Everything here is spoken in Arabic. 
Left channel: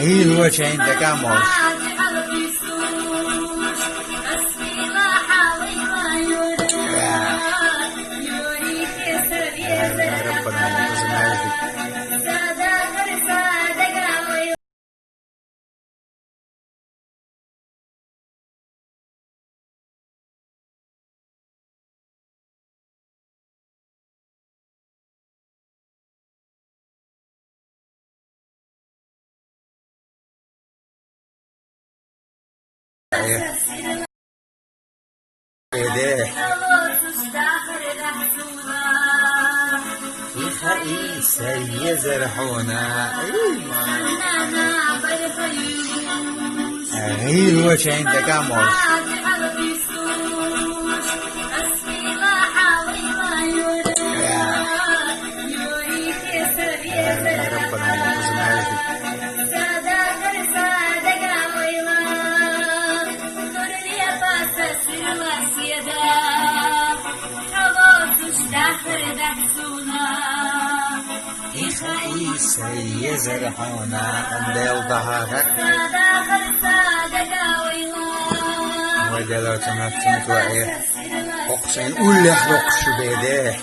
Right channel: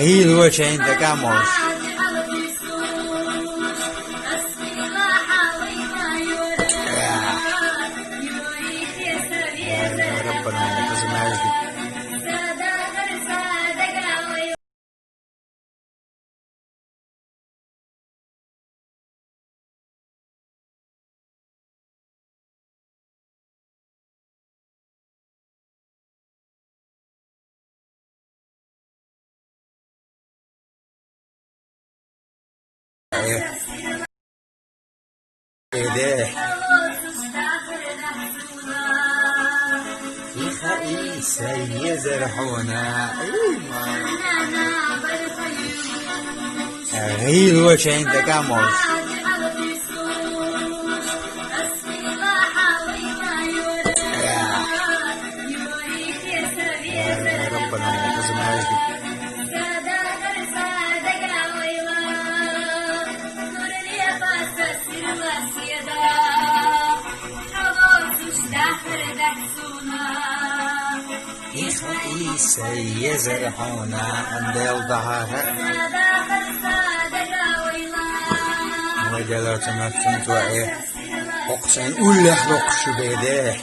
ايوه عشان انت تعمل يا ربنا ما تسمعش دي. ايه ده في خئيسة يزرعونا ايوه عشان انت تعمل يا ربنا ما تسمعش دي. سيزرعونا أنديل ظهرك ودلوقتي ما كنت وإيه أقسم أولي حرق شبيده